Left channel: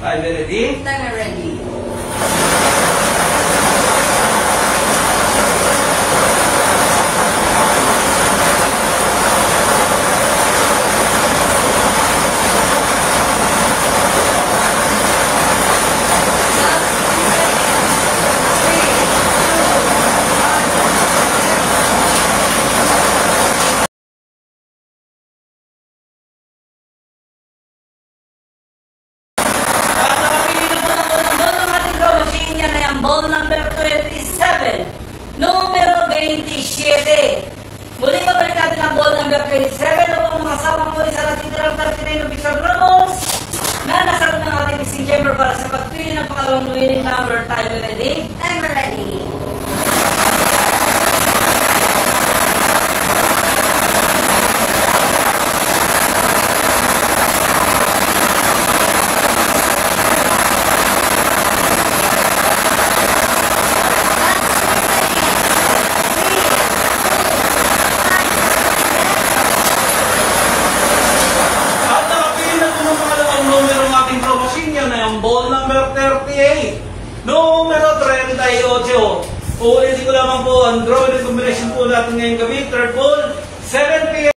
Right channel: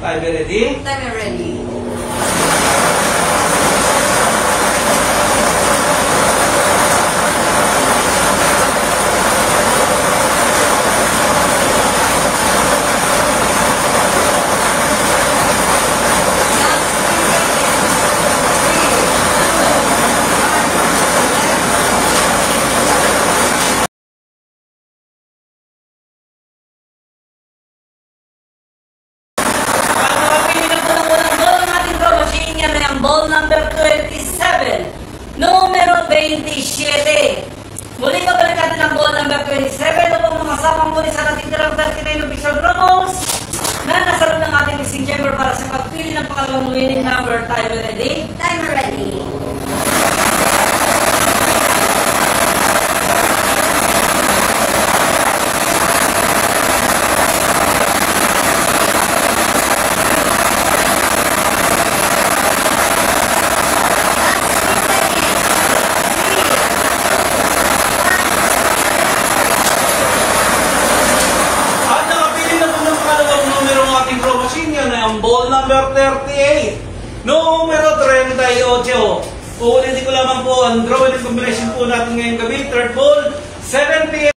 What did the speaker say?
Time ready? Time ready. Ball number 27, numero 27. Muli ka balik natin ang ball number 27 upang masama muli sa ating 39 of Bishop Ramos na nasa ng ating missing chamber para sa pagpili ng pangalawang winning number. Time ready? Time ready. Ball number 38, numero 38. Uulitin ko lamang po ang drawing combination po natin ngayong gabi. Third ball, 7 p.m.